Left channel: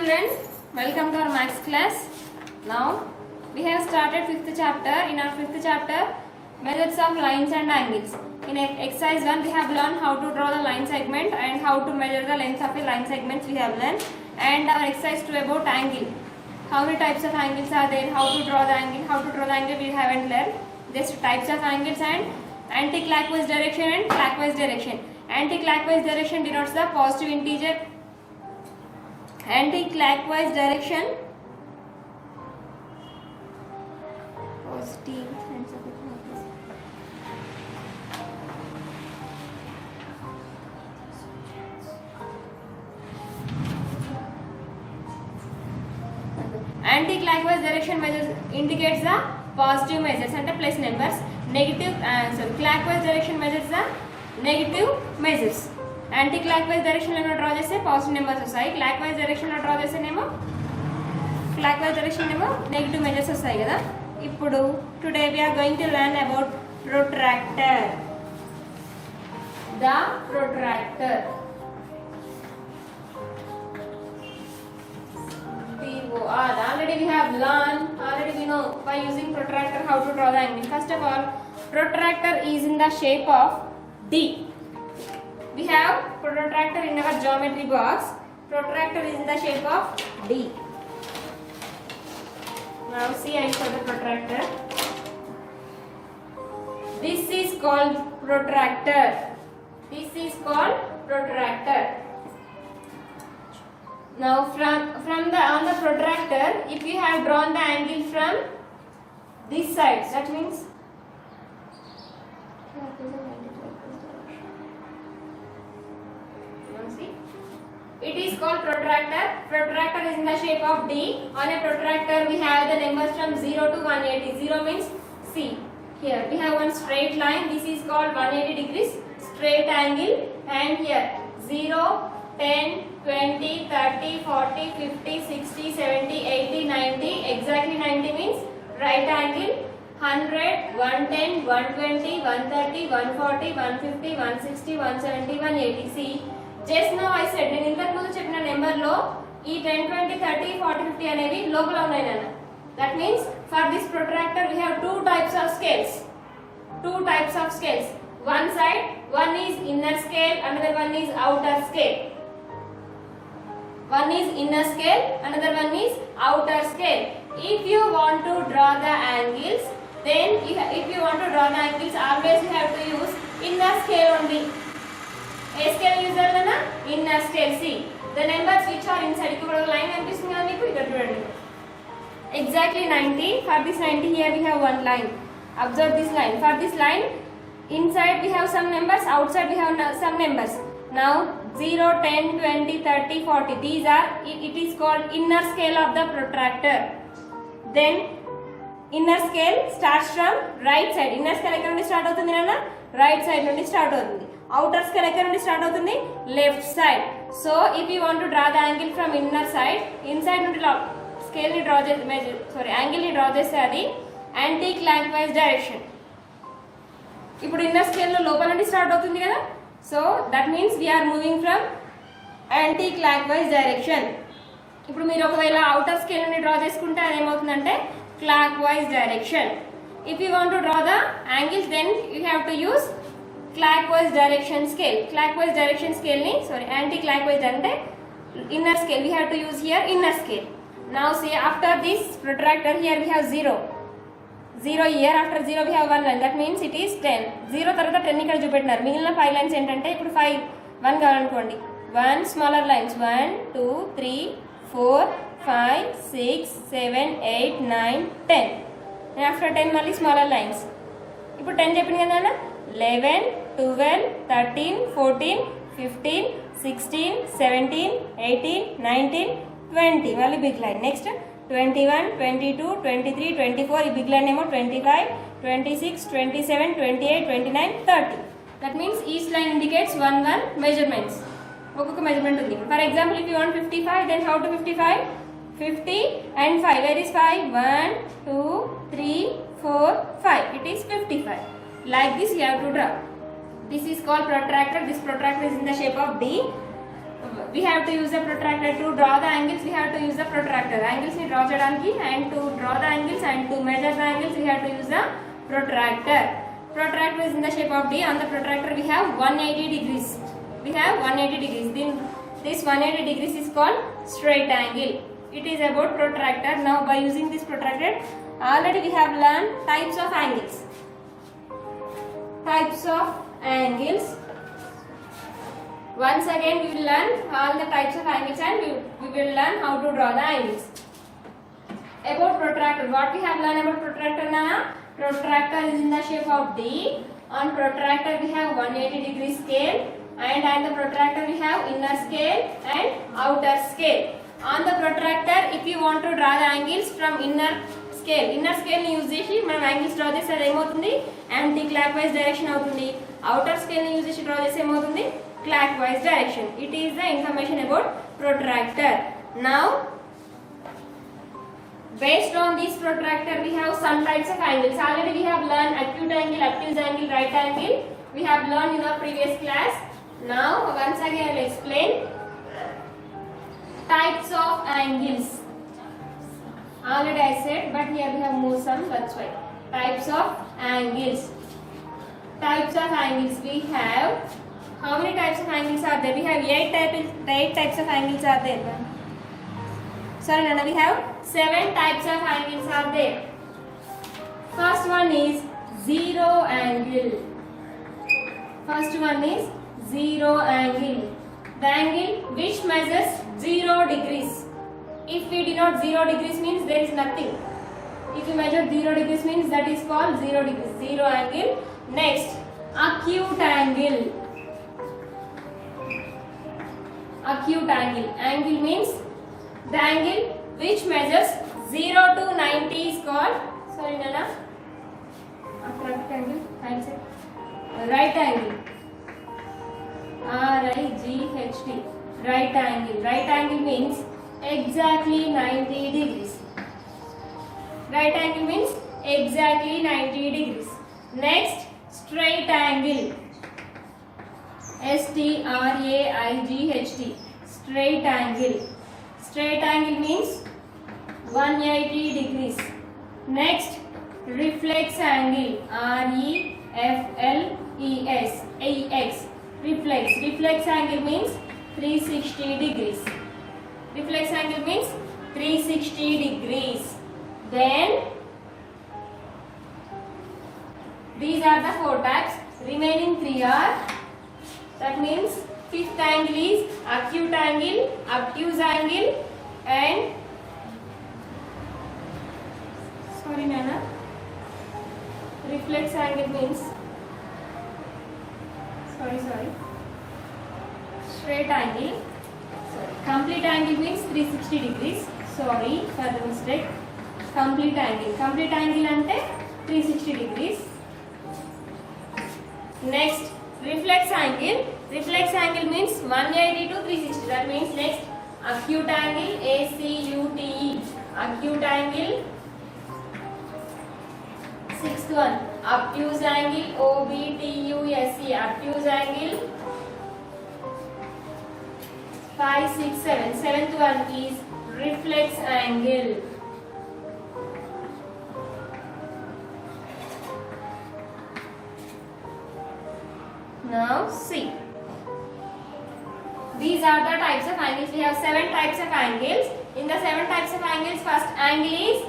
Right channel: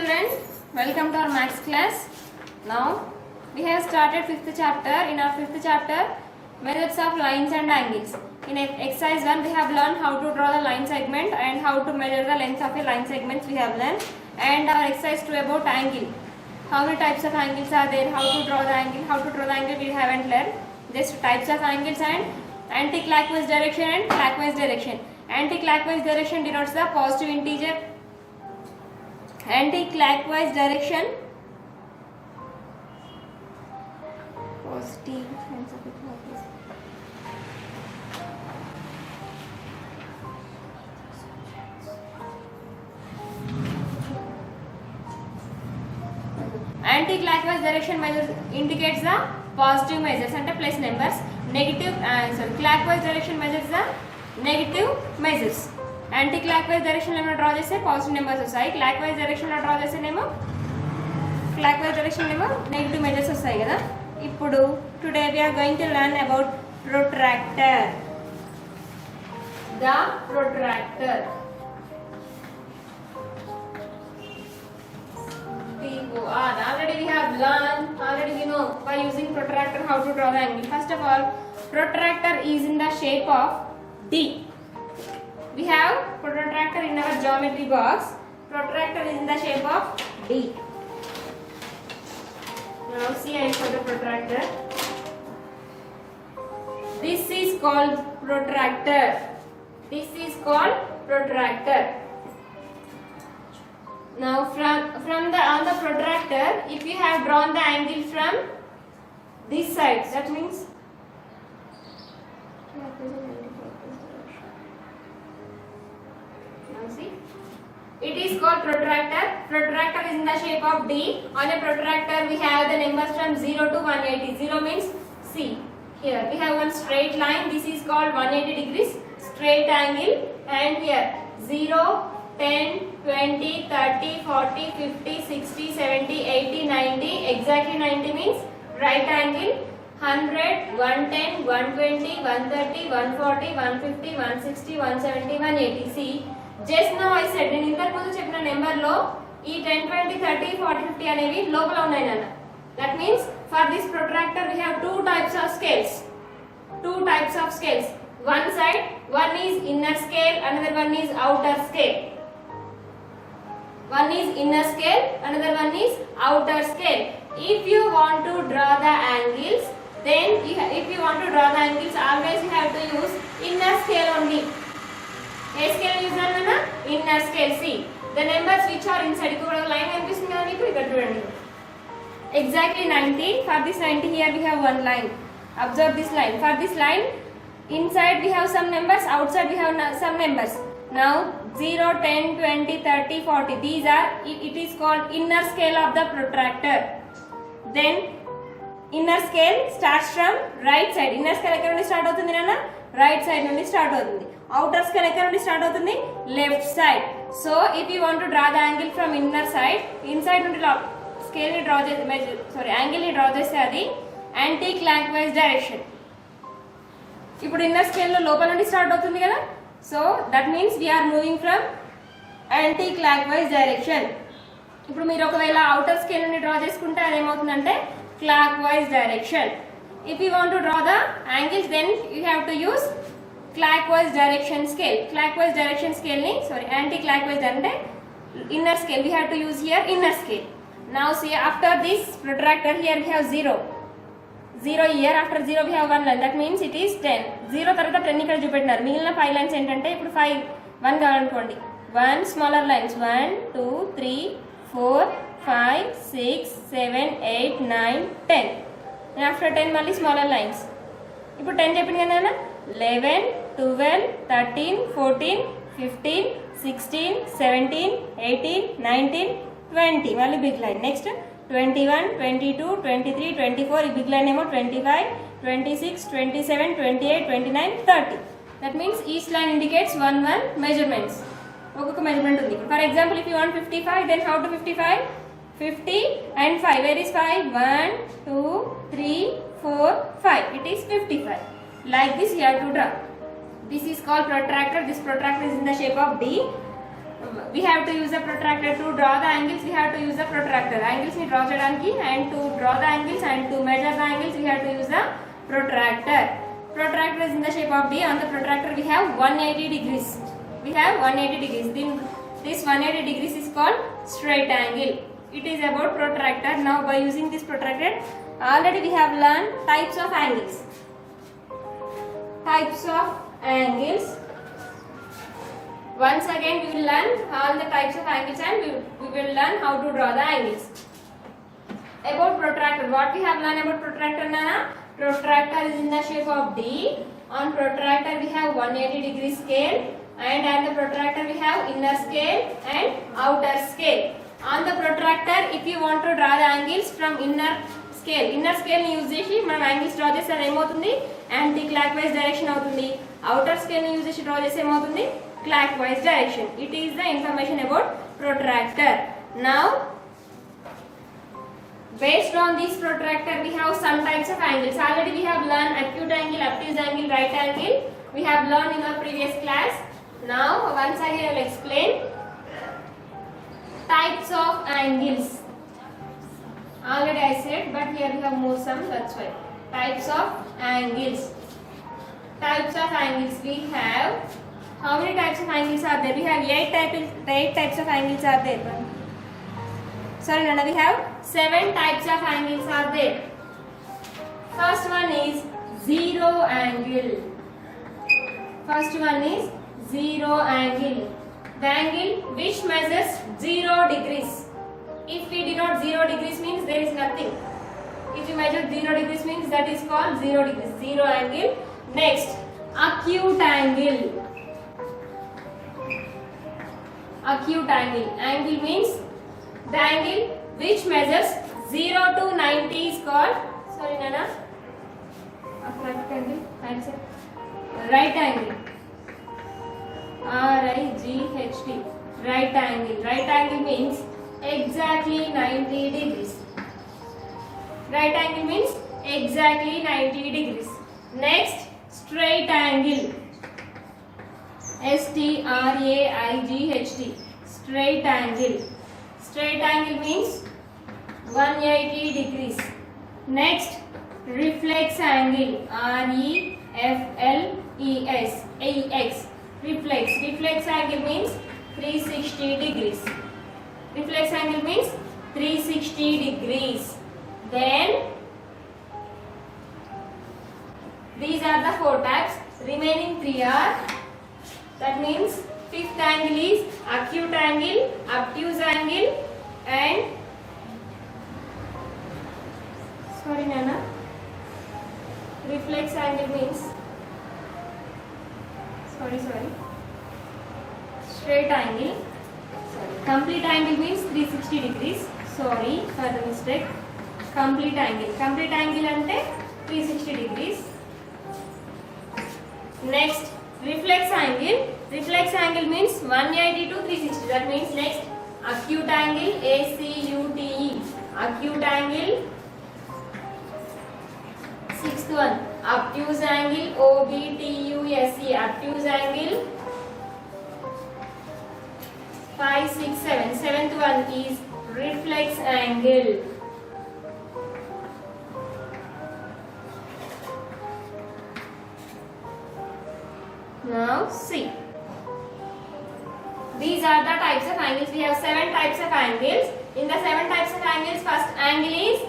children, welcome to our maths class. Now we have started 5th chapter. In our 5th chapter, methods of lines and angles. In exercise 1 we have learned how to draw the line segment and how to measure the length of a line segment we have learned, and our exercise 2 about angle. How many types of angles are there, how to draw the angle, we haven't learned. Just types of angles and anti-clockwise direction and clockwise direction. Anti-clockwise direction denotes the positive integer. Anti-clockwise direction, positive hands of it like this. Anti-clockwise direction measures indicates the positive measures and plus numbers. Negative clockwise direction measures the negative measures. Anti-clockwise direction లో draw చేస్తే positive numbers వస్తాయి, clockwise direction లో draw చేస్తేనేమో negative measures వస్తాయి కదా. ఇప్పుడు today we are going to learn about protractor. The protractor. Already we have learned, already we know by using protractor how to draw the angle. First of all, protractor is in the shape of D. We have protractor in our geometry box. Protractor is in the shape of D. Now see, I show the protractor. This is called protractor. This is called protractor. Now from the on the protractor, if you have drawn the angle from this side, that means see, it is called protractor. Protractor is in the shape of D. On a protractor we have the numbers from 0 to 180. 0 means C. Here we have one straight line. This is called 180 degrees straight angle, and here 0, 10, 20, 30, 40, 50, 60, 70, 80, 90. Exactly 90 means right angle. 100, 110, 120, 130, 140, 150, 160, 170, 180. See, just now I said, నేను ఇంతకు ముందు చెప్పిన number లో ఈ 10, 20, 30, 40, 50 అనేవి లోపల ఉన్నాయి నాన్న. That means for this protractor we have two types of scales. One side, one is inner scale, another one is outer scale. One is inner scale, another one is outer scale. If you want to draw the angles, then always you have to use inner scale only. A scale user na inner scale. See, the numbers which are inside, iku oka line kanipistundi kada meeku ikkada chudandi. Exactly 90. For this 90 here we have one line. Observe this line. For this line, inside we have some numbers, outside we have some numbers. Now 0, 10, 20, 30, 40. These are, it is called inner scale of the protractor. Then inner scale starts from right side. Inner scale ekkada nundi start avutundi nana? Right side nundi start avutundi. Outer scale ekkada nundi start avutundi? Left side. So if you want to draw the angle from inner side, inside nundi scale ni draw angle ni draw cheste adi anti clockwise direction. ఇప్పుడు inner scale లో లోపల నుండి start అవుతుంది కదా. So that means we are moving from anti clockwise direction. ఇప్పుడు మీరు ఒకవేళ outer scale నుండి డ్రా చేసుకుంటే అది ఏమవుతుందంటే clockwise direction. If you want to draw the angles, then you have to use clockwise direction scale. Clockwise direction scale ni anti clockwise ante inner scale. We have to use here inner scale. Now see, after this protractor here we have 0 here. After 0 we have one line. That means it is 10. 0 తర్వాత 10 ఇక్కడ చూపెట్టినారు. మిగిలిన 5 lines ఏంటంటే ఇప్పుడు 1 కావాలనుకోండి. 1 smaller lines 1, 2, 3, 4, 5, 6, 7, 8, 9, 10. And after 10 మళ్ళీ smaller lines. ఇప్పుడు 10 చెప్పింది కదా, 11, 12, 13, 14, 15, 16, 17, 18, 19, 20. మళ్ళీ బిగ్ లైన్. నెక్స్ట్ 21, 22, 23, 24. ఈ బిగ్ లైన్ ఏమో 25, 26, 27, 28, 29, 30. That means each line indicates one measurements. ఒక్కొక్క మెజర్మెంట్ ఉంది. For example if you want 55, then how to 55? 50 and 5. Where is 5? 1, 2, 3, 4, 5. It is 55. Like this you have to draw. This is called protractor. This protractor is in the shape of D. we have to use the protractor to draw the angles. We have to use the protractor. Angles ni draw cheyadaniki and to draw the angles and to measure the angles we have to use the protractor. Protractor is in the shape of D. On the protractor we have 180 degrees. We have 180 degrees. Then this 180 degrees is called straight angle. It is about protractor. Now by using this protractor, already we have learned types of angles. Types of angles. Once again we will learn all the types of angles and we will learn how to draw the angles. About protractor, what we have learned about protractor, Nana? Protractor is in the shape of D. On protractor we have 180 degree scale, and at the protractor we have inner scale and outer scale. On the protractor, if you want to draw the angles from inner scale ని use చేసి మనం angles draw చేస్తే అది ఏమవుతుంది, anti clock wise direction అవుతుంది. outer scale ని use చేసి draw చేస్తే ఏమవుతుంది, clockwise direction. It is the information about protractor. Now based on this protractor we have some types of angles. Already we have learned acute angle, obtuse angle, right angle. We have learned in the previous class. Now once again I will explain types of angles. Already I said, but here we have more some, that's why. Types of angles. Types of angles we have. How many types of angles are there? We have 8 types of angles are there. Sorry, Nana, we have 7 types of angles are there. First one is zero angle. First one is zero angle. The angle which measures 0 degrees. If we denote 0 degrees means there is nothing. If you measure 0 degrees means that is called 0 degrees. Zero angle. Next, acute angle. Acute angle. Angle means the angle which measures 0 to 90 is called, sorry Nana, right angle, answer, right angle. RIGHT. Right angle. Right angle means exactly 90 degrees. Right angle means exactly 90 degrees. Next, straight angle. STRAIGHT. Straight angle. Straight angle means 180 degrees. Next, reflex angle. REFLEX. Reflex. Reflex angle means 360 degrees. Reflex angle means 360 degrees. Then these are the 4 types. Remaining 3 are, that means fifth angle is acute angle, obtuse angle, and sorry Nana, reflex angle means sorry straight angle. Complete angle means 360 degrees. Sorry for the mistake. Complete angle. Complete angle ante 360 degrees. Next, reflex angle. Reflex angle means 180 to 360. That means next, acute angle, ACUTE. Acute angle. Sixth one, obtuse angle, OBTUSE. Obtuse angle. 5, 6, 7. Seventh one is reflex angle. Now see. These are the types of angles. We have 7 types of angles. In the 7 types of angles, first angle is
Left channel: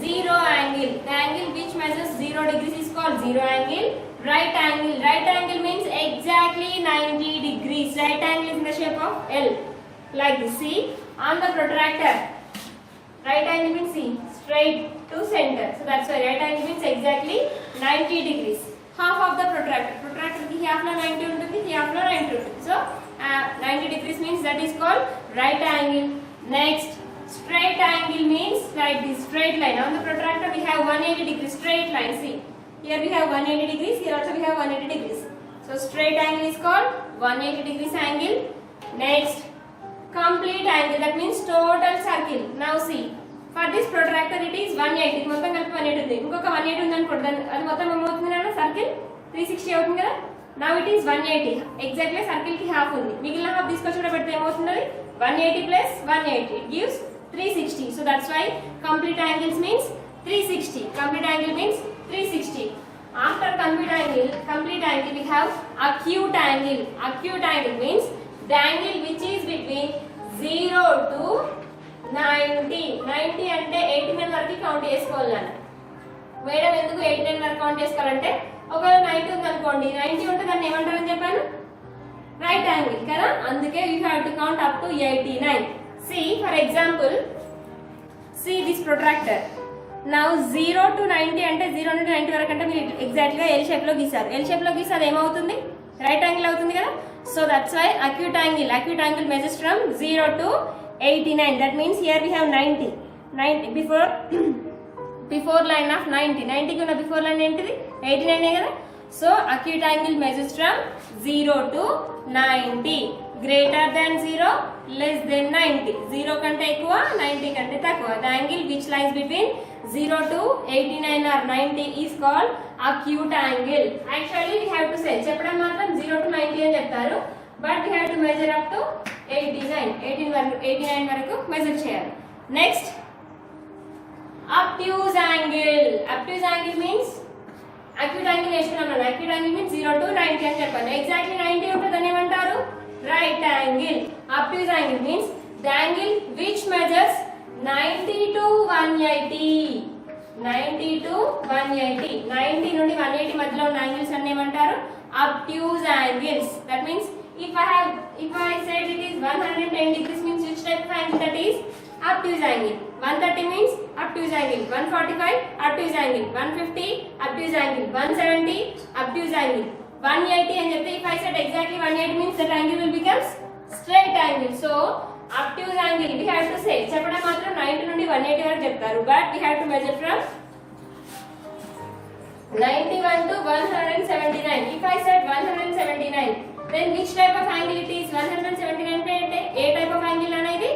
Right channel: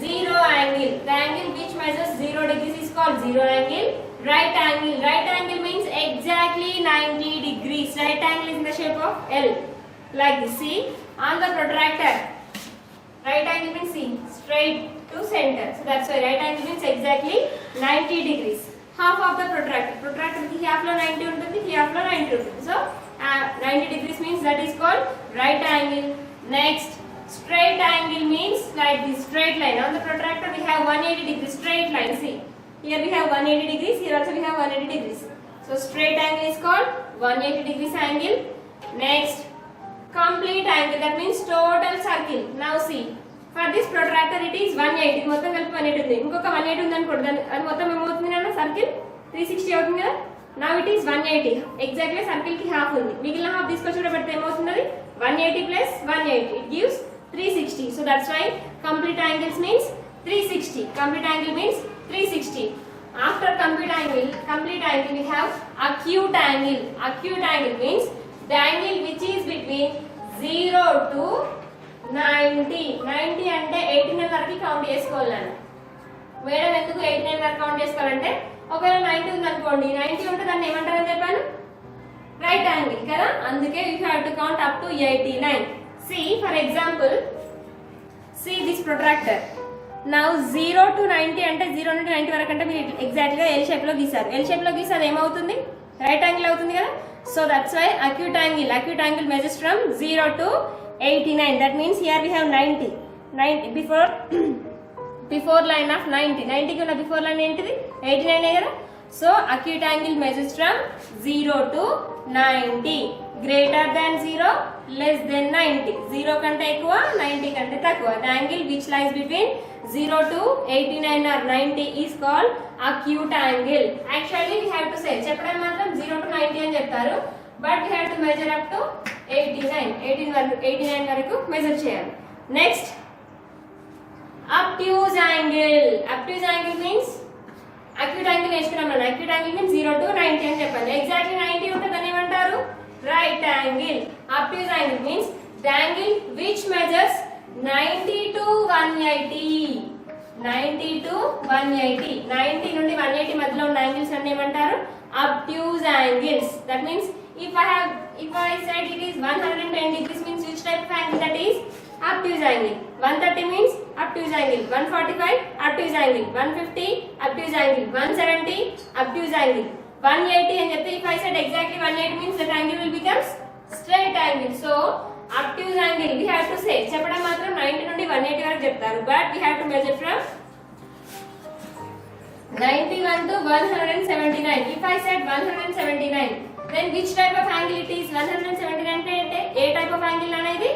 zero angle. The angle which measures 0 degrees is called zero angle. Right angle. Right angle means exactly 90 degrees. Right angle is in the shape of L. Like this. See, on the protractor, right angle means see, straight to center. So that's why right angle means exactly 90 degrees. Half of the protractor. Protractor ki half lo 90 untundi, half lo 90 untundi. So 90 degrees means that is called right angle. Next, straight angle means like this, straight line. On the protractor we have 180 degrees straight line. See, here we have 180 degrees, here also we have 180 degrees. So straight angle is called 180 degrees angle. Next, complete angle, that means total circle. Now see, for this protractor it is 180. మొత్తం కలిపి 180 ఉంది. ఇంకొక 180 ఉంది అనుకోండి, అది మొత్తం ఏమవుతుంది నాన్న, సర్కిల్ 360 అవుతుంది కదా. Now it is 180. Exactly circle ki half undi. Migilina half తీసుకొచ్చి కూడా పెడితే ఏమవుతుంది 180 plus 180 it gives 360. So that's why complete angles means 360. Complete angle means 360. After complete angle we have acute angle. Acute angle means the angle which is between 0 to 90. 90 అంటే 89 వరకు count చేసుకోవాలి నాన్న. Madam ఎందుకు 89 వరకు కౌంట్ చేసుకోవాలంటే ఒకవేళ 90 ఉంది అనుకోండి 90 ఉంటే దాన్ని ఏమంటారని చెప్పాను రైట్ యాంగిల్ కదా, అందుకే you have to count up to 89. See for example, see this protractor. Now 0 to 90 అంటే 0 నుండి 90 వరకు అంటే మీరు ఎగ్జాక్ట్ గా ఎల్ షేప్ లో గీసారు. ఎల్ షేప్ లో గీస్తే అది ఏమవుతుంది రైట్ యాంగిల్ అవుతుంది కదా. So that's why acute angle measures from 0 to 89. That means here we have 90 before line of 90 కి ఉన్న బిఫోర్ లైన్ ఏంటిది 89 కదా. So acute angle measures from 0 to 90. Greater than 0, less than 90. 0 కంటే ఎక్కువ 90 కంటే తక్కువ. The angle which lies between 0 to 89 or 90 is called acute angle. Actually we have to say చెప్పడం మాత్రం 0 to 90 అని చెప్తారు, but we have to measure up to 89 వరకు measure చేయాలి. Next obtuse angle. Obtuse angle means acute angle వేసుకున్నాం. acute angle means 0 to 90 అని చెప్పాను. Exactly 90 ఉంటే దాన్ని ఏమంటారు right angle. obtuse angle means the angle which measures 90 to 180. 90 to 180. 90 నుండి 180 మధ్యలో ఉన్న యాంగిల్స్ అన్ని ఏమంటారు obtuse angles. That means if I said it is 110 degrees means which type of angle that is obtuse angle. 130 means obtuse angle. 145 obtuse angle. 150 obtuse angle. 170 obtuse angle. 180 and if I said exactly 180 means that angle will become straight angle. So obtuse angle we have to say చెప్పడం మాత్రం 90 నుండి 180 వరకు చెప్తారు, but we have to measure from 91 to 179. If I said 179 then which type of angle it is 179 అంటే ఏ type of angle అనేది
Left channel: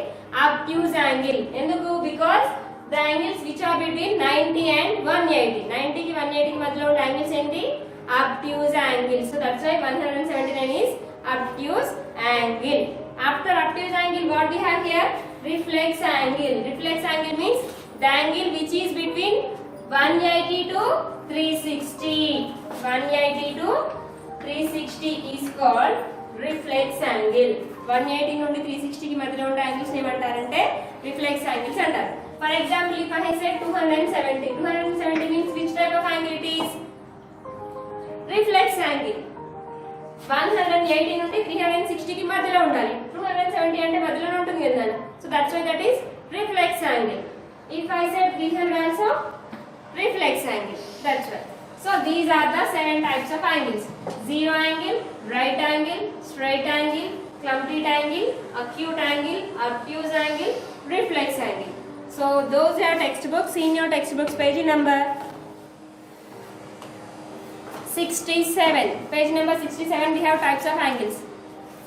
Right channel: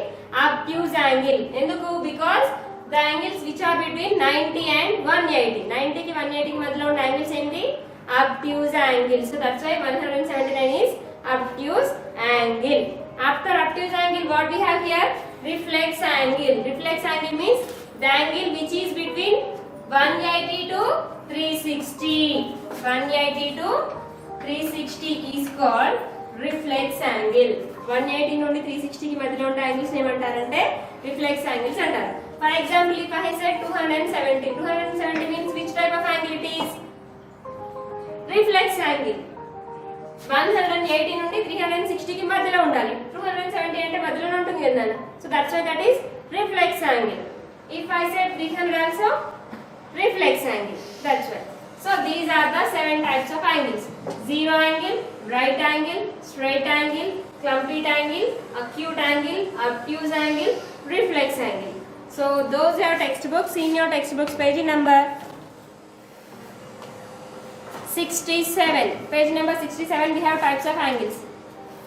obtuse angle. ఎందుకు because the angles which are between 90 and 180. 90 కి 180 కి మధ్యలో ఉన్న యాంగిల్స్ ఏంటి obtuse angle. So that's why 179 is obtuse angle. After obtuse angle what we have here reflex angle. Reflex angle means the angle which is between 180 to 360. 180 to 360 is called reflex angle. 180 నుండి 360 కి మధ్యలో ఉన్న angles ఏమంటారంటే reflex angles అంటారు. For example if I said 270 means which type of angle it is reflex angle. 180 నుండి 360 కి మధ్యలో ఉండాలి. 270 అంటే మధ్యలో ఉంటుంది కదా. So that's why that is reflex angle. if I said 300 also reflex angle. That's why. So these are the 7 types of angles: zero angle, right angle, straight angle, complete angle, acute angle, obtuse angle, reflex angle. So those are textbooks. In your textbooks page number 67. Page number 67 we have types of angles.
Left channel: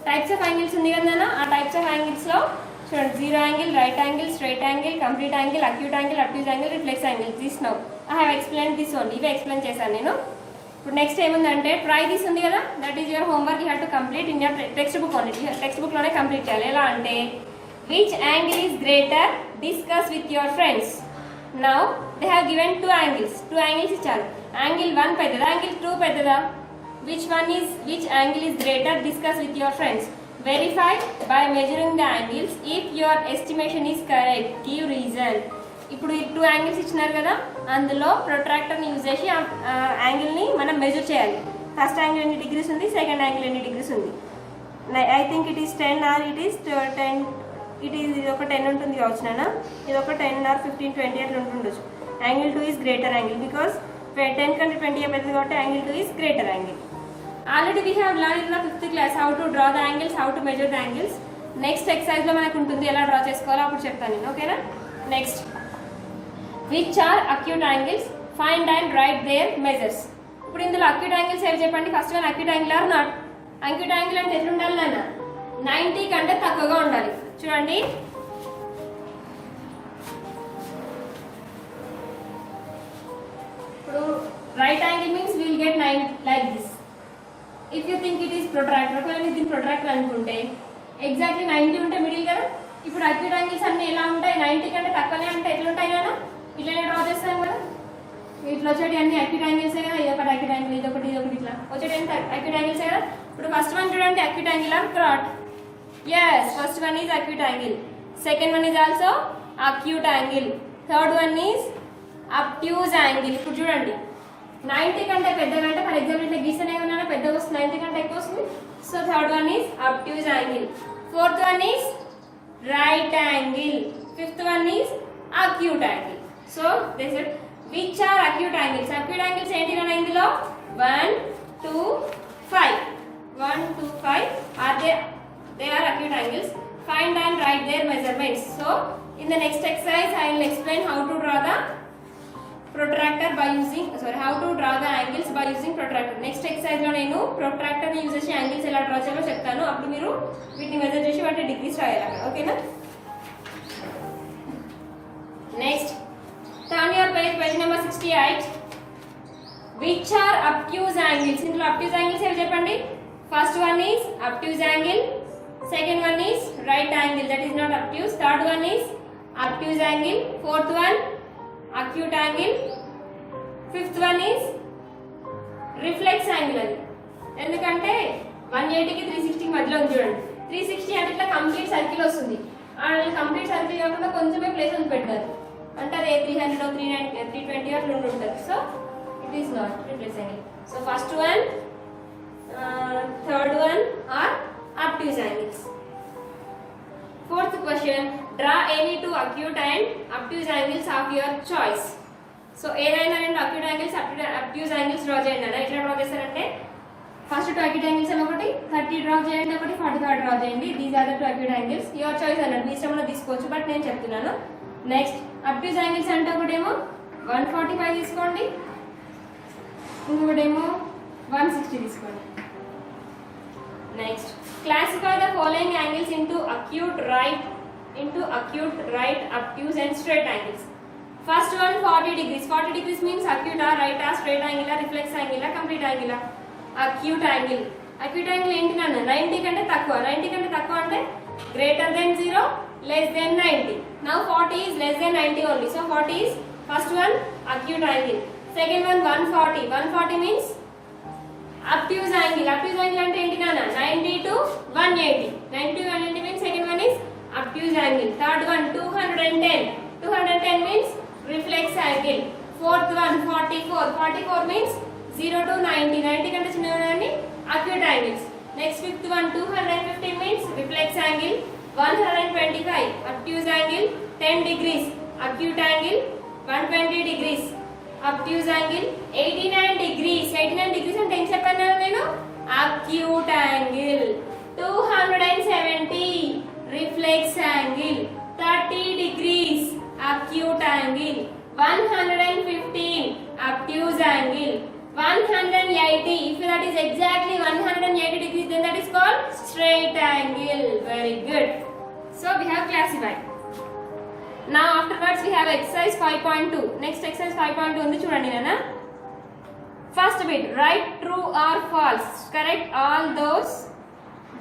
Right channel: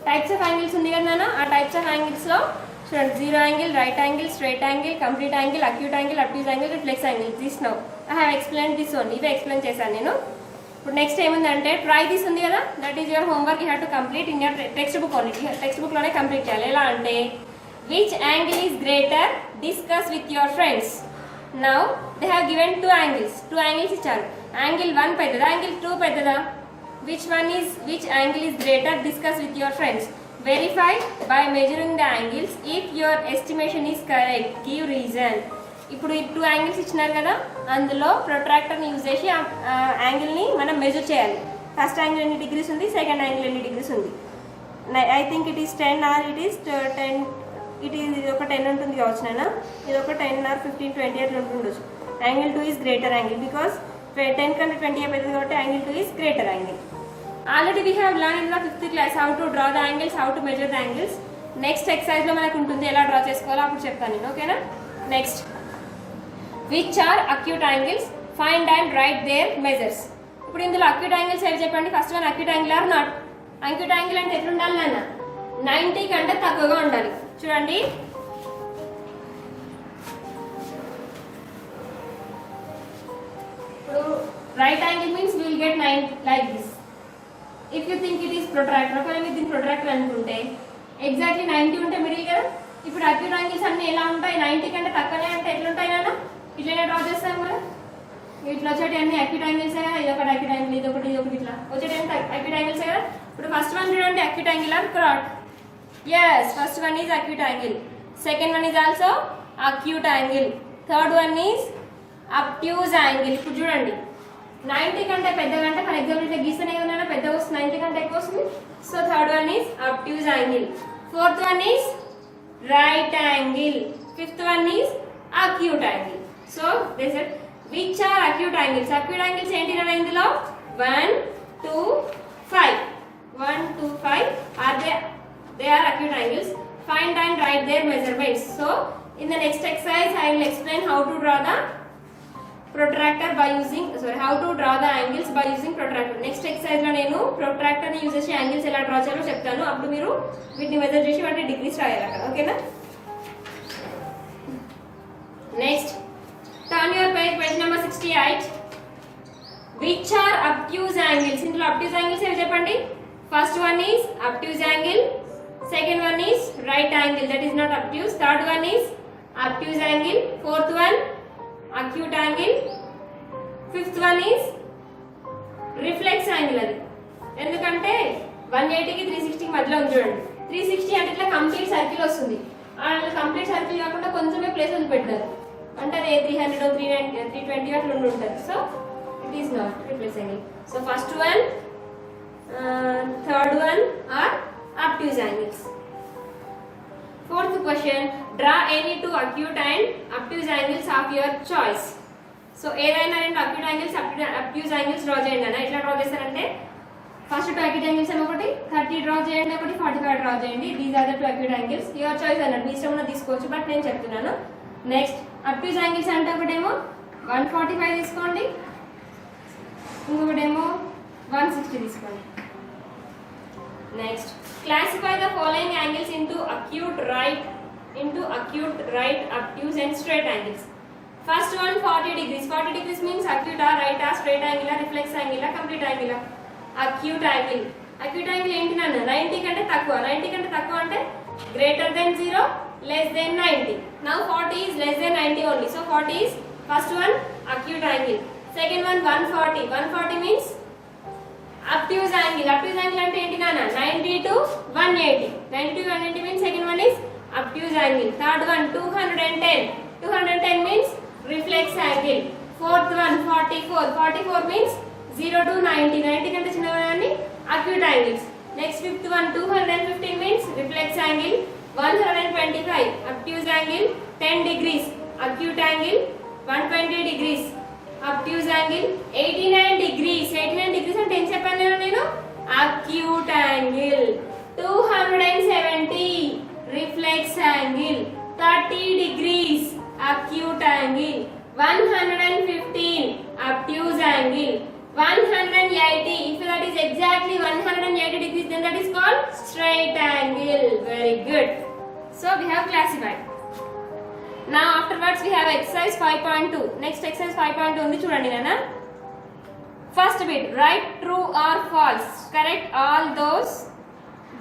Types of angles ఉంది కదా నాన్న, ఆ types of angles లో చూడండి zero angle, right angle, straight angle, complete angle, acute angle, అబ్ట్యూజ్ angle, reflex angle. This now I have explain this only. ఇవే explain చేశాను నేను. ఇప్పుడు నెక్స్ట్ ఏముందంటే ట్రై దిస్ ఉంది కదా, that is your homework. You have to complete in your text book only. Text book లోనే complete చేయాలి. ఎలా అంటే which angle is greater discuss with your friends. Now they have given two angles ఇచ్చారు. Angle 1 పెద్దదా, angle 2 పెద్దదా? Which angle is greater discuss with your friends. Verify by measuring the angles. If your estimation is correct, give reason. ఇప్పుడు ఈ 2 angles ఇచ్చినారు కదా, అందులో ప్రొట్రాక్టర్ని use చేసి యాంగిల్ని మనం మెజర్ చేయాలి. ఫస్ట్ యాంగిల్ ఎన్ని డిగ్రీస్ ఉంది, సెకండ్ యాంగిల్ ఎన్ని డిగ్రీస్ ఉంది. I think it is 10 or it is 10. ఇది ఒక 10 ఉంటుంది కావచ్చు నాన్న, ఇది ఒక 10 ఆర్ 15, 20 అట్లా ఉంటుండొచ్చు. Angle 2 is greater angle because 10 కంటే 20 అయిపోతుంది కాబట్టి angle 2 is greater angle. Already we have learned in the 5th class how to draw the angles, how to measure the angles. Next exercise లో మనకు ఉంటుంది ఎలా డ్రా చేసుకోవాలో అప్పుడు చెప్తాను నేను, ఓకేనా. Next which are acute angles, find and write their measures. ఇప్పుడు ఇందులో అక్యూట్ యాంగిల్స్ ఏవి చెప్పండి. First one acute angle or not. Acute angle అంటే ఎట్లా ఉండాలి నాన్న, 90 కంటే తక్కువగా ఉండాలి. చూడండి ఇప్పుడు right angle means will get 9 like this. If protractor. ఒకవేళ మీరు దీన్ని ప్రొట్రాక్టర్ అనుకుంటే ఎగ్జాక్ట్లీ 90 ఉంటే మిడిల్ కదా. ఇప్పుడు అక్యూట్ యాంగిల్స్ అన్ని ఎలా ఉంటాయి? 90 కంటే తక్కువనే ఉంటాయి. ఎట్లుంటాయి నాన్న? ఇట్లనే డ్రా చేస్తాం కదా. ఇట్లా వచ్చేటి అన్ని అక్యూట్ యాంగిల్సే కదా. ఇది ఒకటి అక్యూట్ యాంగిల్, ఇది ఒకటి ఇట్లా వచ్చేటి అంటే అక్యూట్ యాంగిల్సే కదా. ఇప్పుడు ఫస్ట్ వన్ చూడండి, acute angle are correct. yes, first one is acute angle, second one is also acute angle, third one is obtuse angle. ఇప్పుడు చూడండి 90 కంటే పెద్దగా అంటే ఫర్ ఎగ్జాంపుల్ ఇట్లా గీస్తేనే కదా పెద్దగా వస్తుంది, 90 కంటే ఎక్కువ వస్తుంది. So third one is obtuse angle, fourth one is right angle, fifth one is acute angle. So they said which are acute angles? Acute angles ఏంటి నా ఇందులో 1 2 5, 1 2 5 are they are acute angles. Find and write their measurements. So in the next exercise I will explain how to draw the protractor by using how to draw the angles by using protractor. Next exercise లో నేను protractor ని use చేసి angles ఎలా draw చేయాలో చెప్తాను. అప్పుడు మీరు వీటిని మెజర్ చేసి వాటి డిగ్రీస్ రాయాలి అక్కడ. ఓకేనా? Next turn your page number 68. which are obtuse angles? ఇందులో obtuse angles ఏవి చెప్పండి? first one is obtuse angle, second one is right angle, that is not obtuse, third one is obtuse angle, fourth one acute angle, fifth one is reflex angle. అది ఎందుకంటే 180 కి 360 కి మధ్యలో ఉంది చూడండి. 360 అంటే ఇట్లా కంప్లీట్ సర్కిల్ వస్తుంది. కంప్లీట్ సర్కిల్ కాకుండా కొంచెమే ప్లేస్ ఉంది పెట్టారు అంటే అదే 300 390 320 అట్లా ఉంటుంది. So it is not reflex angle. So first one, third one or obtuse angles. Fourth question, draw any two acute and obtuse angles of your choice. So ఏదైనా రెండు acute angles obtuse angles draw చేయండి అన్న. ఎట్లా draw చేస్తారంటే first two acute angles ఏమో ఒకటి 30 draw చేయండి, ఒకటి 45 డ్రా చేయండి. These are the two acute angles. Your choice అన్నట్టు మీ ఇష్టంలో తీసుకోవచ్చు, బట్ నేను చెప్తున్నాను. నెక్స్ట్ obtuse angles అంటే ఒకటేమో 145 తీసుకోండి, ఇంకొకటేమో 160 తీసుకోండి. Next classify the following angles into acute right, obtuse and straight angles. First one 40 degrees. 40 degrees means acute or right or straight angle or reflex angle or complete angle. Acute angle. Acute angle ఏంటి నాన్న? 90 కంటే తక్కువ. 90 కంటే తక్కువ అంటే greater than 0, less than 90. Now 40 is less than 90 only. So 40 is first one acute angle. Second one 140. 140 means obtuse angle. Obtuse angle అంటే ఏంటి నాన్న? 90 to 180. 90 to 180 means second one is obtuse angle. Third one 210. 210 means reflex angle. Fourth one 44. 44 means 0 to 90. 90 కంటే చిన్నవన్నీ acute angles. Next fifth one 215 means reflex angle. 125 obtuse angle. 10 degrees acute angle. 120 degrees obtuse angle. 89 degrees. 89 degrees అంటే ఏం చెప్పాను నేను? acute angle. 270 reflex angle. 30 degrees acute angle. 115 obtuse angle. 180, if that is exactly 180 degrees, then that is called straight angle. Very good. So we have classified. Now afterwards we have exercise 5.2. Next exercise 5.2 ఉంది చూడండి నాన్న. First bit, write true or false. Correct all those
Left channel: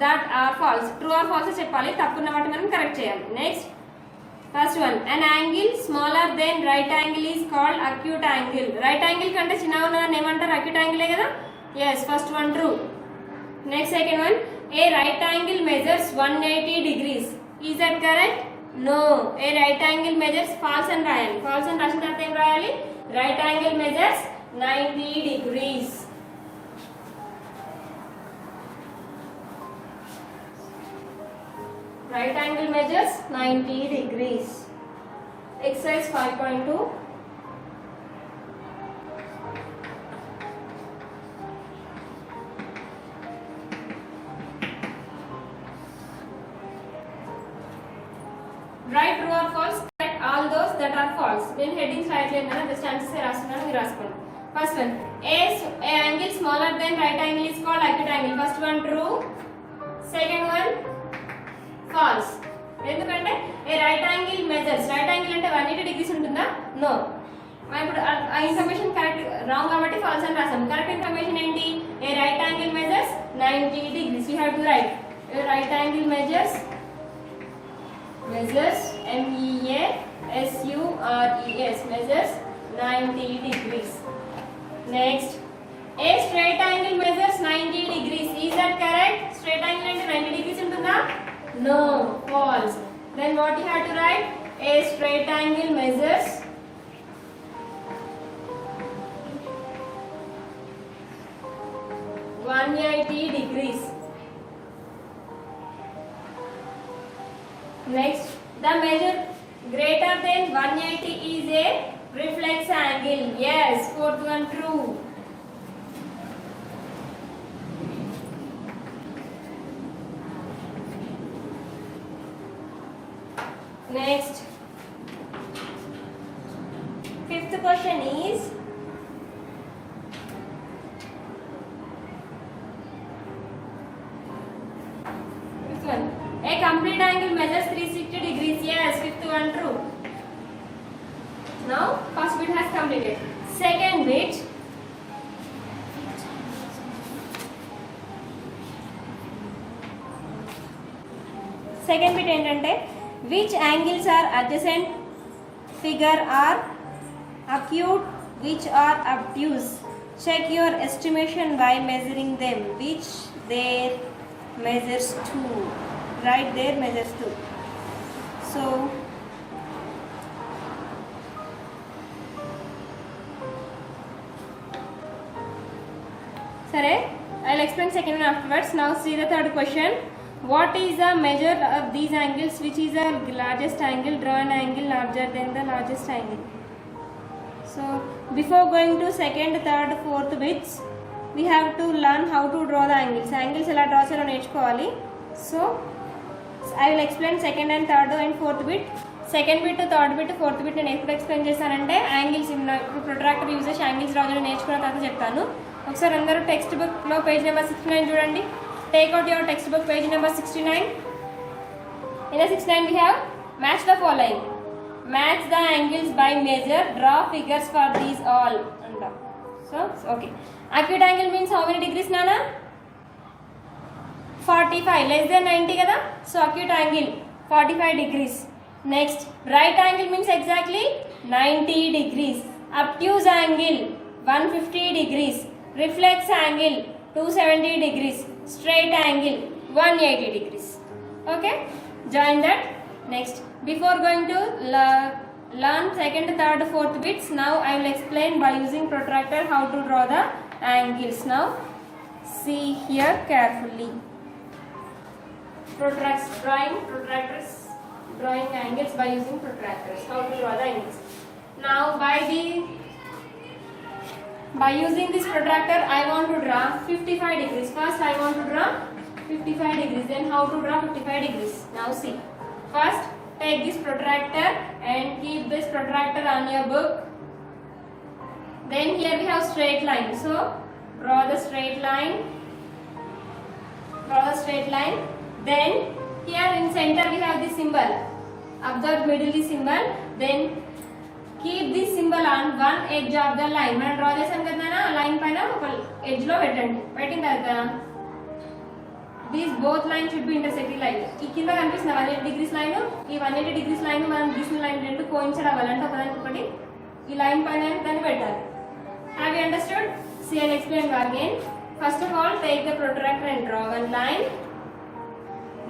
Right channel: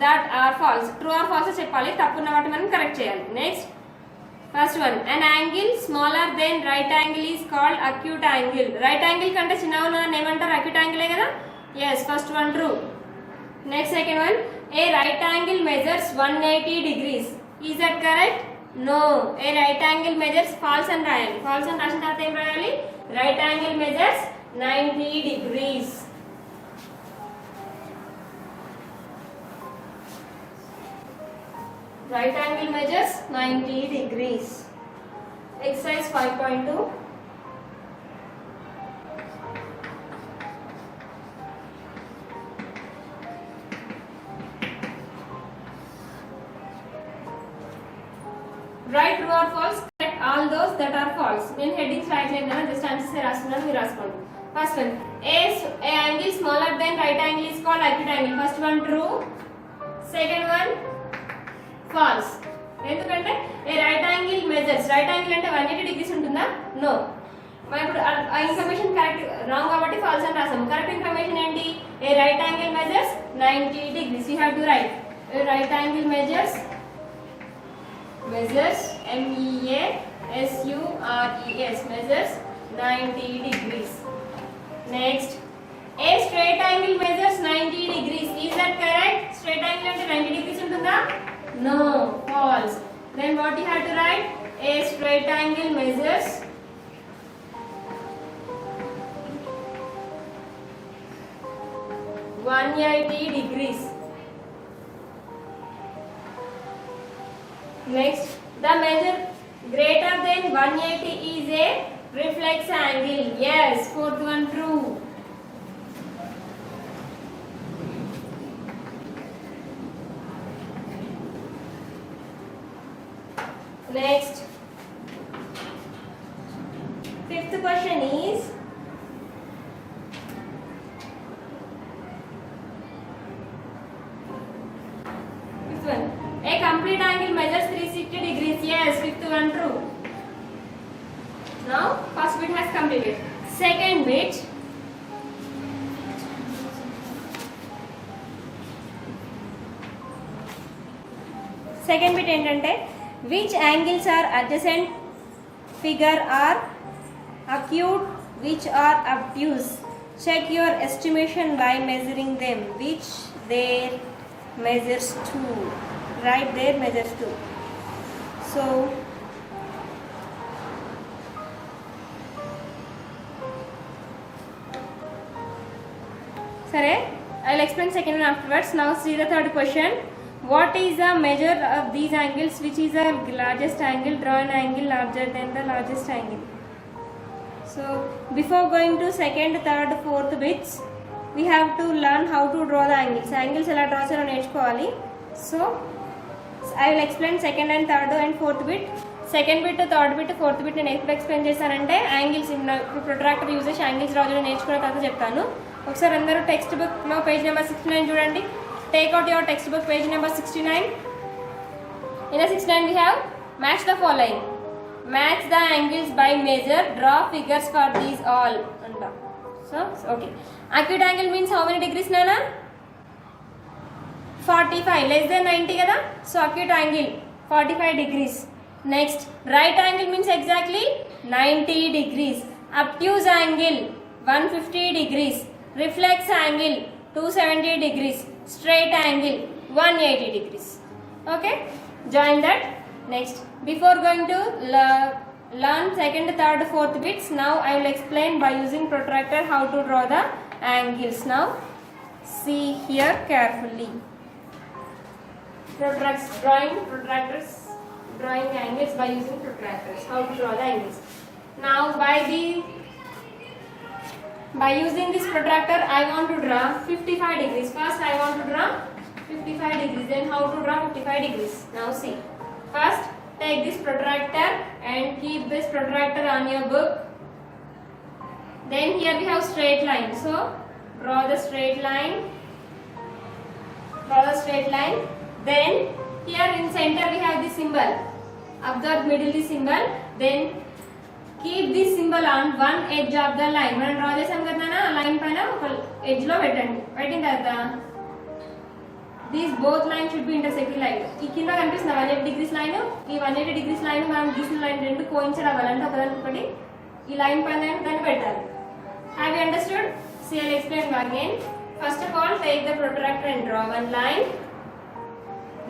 that are false. True or false చెప్పాలి, తప్పున్న వాటి మనం correct చేయాలి. Next first one, an angle smaller than right angle is called acute angle. Right angle కంటే చిన్నగా ఉన్నదాన్ని ఏమంటారు? acute angle కదా. Yes, first one true. Next second one, a right angle measures 180 degrees. Is that correct? No. A right angle measures false అని రాయాలి. false అని రాసిన తర్వాత ఏం రాయాలి? right angle measures 90 degrees. Right angle measures 90 degrees. Exercise 5.2. Write true or false. Correct all those that are false. Then headings right line na just answers e rastunnanu meer raskondi. First one, a angle smaller than right angle is called acute angle. First one true. Second one false. ఎందుకంటే a right angle measures, right angle అంటే 180 degrees ఉంటుందా? No. మనం ఇప్పుడు ఆ information correct wrong కాబట్టి false అని రాసాం. Correct information ఏంటి? A right angle measures 90 degrees. You have to write a right angle measures MEASURES measures 90 degrees. Next, a straight angle measures 90 degrees. Is that correct? Straight angle అంటే 90 degrees ఉంటుందా? No, false. Then what you have to write? A straight angle measures 180 degrees. Next, the measure greater than 180 is a reflex angle. Yes, fourth one true. Next, fifth question is a complete angle measures 360 degrees. Yes, fifth one true. Now, first bit has completed. Second bit, ఏంటంటే which angles are adjacent figure are acute, which are obtuse. Check your estimation by measuring them. Which there measures 2. Right there measures 2. So Sare, I'll explain second one afterwards. Now see the third question. What is the measure of these angles? Which is the largest angle? Draw an angle larger than the largest angle. So before going to second, third, fourth bits, we have to learn how to draw the angles. Angles ela draw cheyalo నేర్చుకోవాలి. So I will explain second and third and fourth bit. Second bit, third bit, fourth bit నేను ఎప్పుడు explain చేస్తానంటే angles ఇప్పుడు protractor use చేసి angles draw చేయడం నేర్చుకున్న తర్వాత చెప్తాను. ఒకసారి అందరూ టెక్స్ట్ బుక్లో పేజ్ నెంబర్ 69 చూడండి. Take out your textbook, page number 69. In the 69 we have match the following. Match the angles by measure. Draw figures for these all. So okay. Acute angle means how many degrees, Nana? 45. Less than 90 kada? So acute angle 45 degrees. Next, right angle means exactly 90 degrees. Obtuse angle 150 degrees. Reflex angle 270 degrees. Straight angle 180 degrees. Okay, join that. Next, before going to learn second, third, fourth bits, now I will explain by using protractor how to draw the angles. Now see here carefully. Protractors drawing angles by using protractors. How to draw the angles? Now by using this protractor, I want to draw 55 degrees. First, I want to draw 55 degrees. Then, how to draw 55 degrees? Now, see. First, take this protractor and keep this protractor on your book. Then, here we have straight line. So, draw the straight line. Then, here in center, we have this symbol. Observe middle this symbol. Then, keep this symbol on one edge of the line. మనం draw చేసాం కదా ఆ line పైన ఒక edge లో పెట్టండి. పెట్టిన తర్వాత these both lines should be intersecting line. ఈ కింద కనిపిస్తున్న 180 degrees లైన్, ఈ 180 degrees లైన్ మనం గీసిన లైన్ రెండు కోయిన్సైడ్ అవ్వాలంటే ఒకదానికొకటి ఈ లైన్ పైన దాన్ని పెట్టాలి. Have you understood? See, I'll explain again. First of all, take the protractor and draw one line.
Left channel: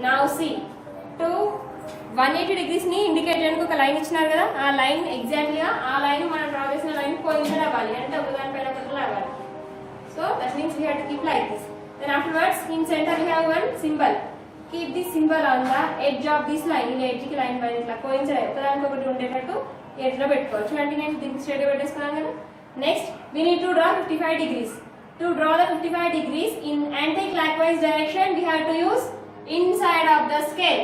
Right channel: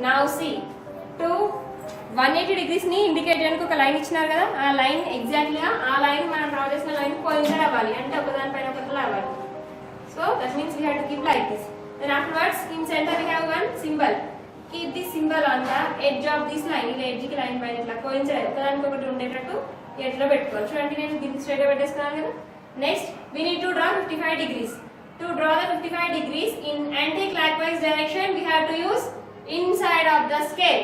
Now see, to 180 degrees ని ఇండికేట్ చేయడానికి ఒక లైన్ ఇచ్చినారు కదా, ఆ లైన్ ఎగ్జాక్ట్లీగా ఆ లైన్ మనం డ్రా చేసిన లైన్ కోయిన్సైడ్ అవ్వాలి అంటే ఒకదాని పైన ఒకటి అవ్వాలి. So that means we have to keep like this. Then afterwards in centre we have one symbol. Keep this symbol on the edge of this line. ఇలా ఎడ్జ్కి లైన్ పైన ఇట్లా కోయిన్సైడ్ ఒకదానికి ఒకటి ఉండేటట్టు ఎడ్జ్లో పెట్టుకోవాలి. చూడండి నేను దీనికి స్ట్రైట్గా పెట్టేస్తున్నాను కదా. Next we need to draw 55 degrees. To draw the 55 degrees in anti-clockwise direction, we have to use inside of the scale.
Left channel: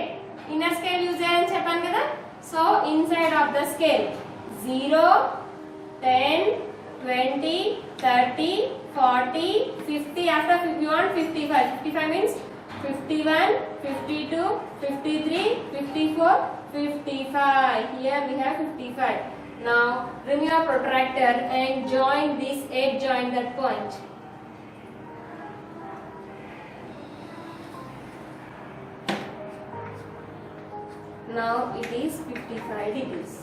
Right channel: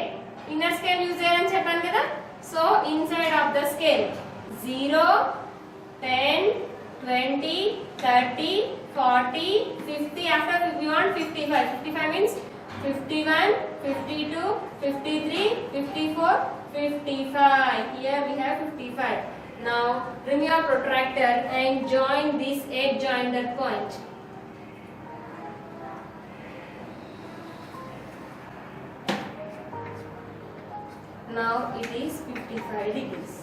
Inner scale use cheyalani cheppanu kada. So inside of the scale 0, 10, 20, 30, 40, 50. After you want 55. 55 means 51, 52, 53, 54, 55. Here we have 55. Now bring your protractor and join this edge joiner point. Now it is 55 degrees.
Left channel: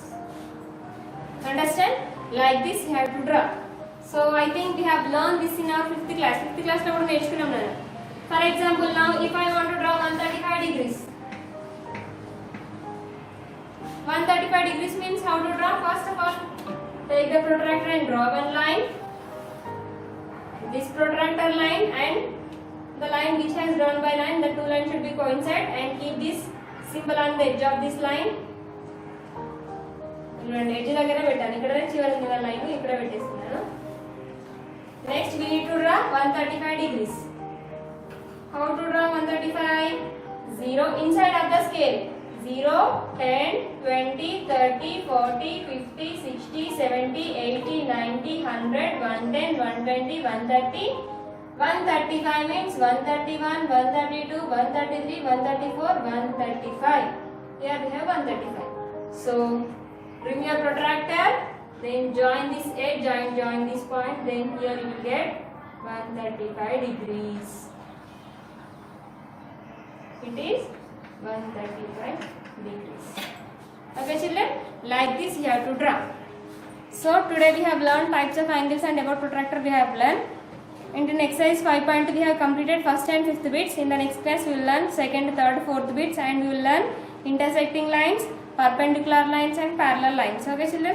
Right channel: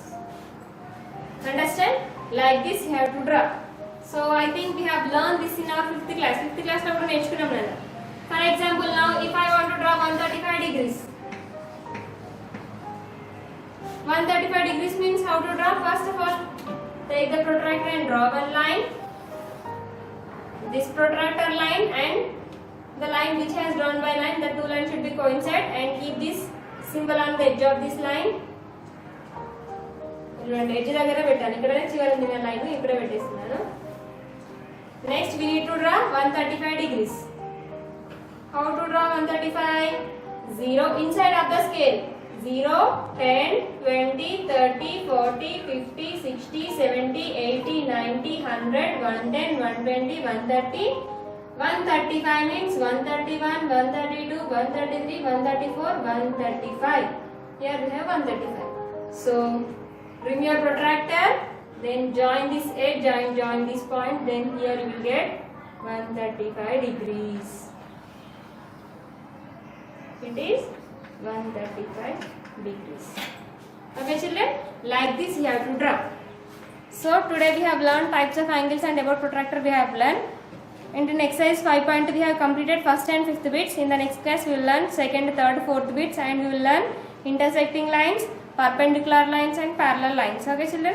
Understand? Like this you have to draw. So I think we have learned this in our 5th class. 5th class lo kuda నేర్చుకున్నాం నేను. For example, now if I want to draw 135 degrees. 135 degrees means how to draw? First of all, take the protractor and draw one line. This protractor line and the line which has drawn by line, the two lines should be coincide, and keep this symbol on the edge of this line. చూడండి edge దగ్గర పెట్టాను, ఇక్కడ చివరి ఉంది line, ఇక్కడ పెట్టేస్తున్నాను. Next we need to draw 135 degrees. How to draw 135? 0 inside of the scale. 0, 10, 20, 30, 40, 50, 60, 70, 80, 90, 100, 110, 120, 130, 135 means 131, 132, 133, 134, 135. Here we have 135. So bring your protractor, then join this edge, join this point, then here you will get 135 degrees. It is 135 degrees. Okay children, like this you have to draw. So today we have learned types of angles and about protractor we have learned. In the exercise 5.2 we have completed first and fifth bits. In the next class we will learn second, third, fourth bits, and we will learn intersecting lines, perpendicular lines and parallel lines. Okay children.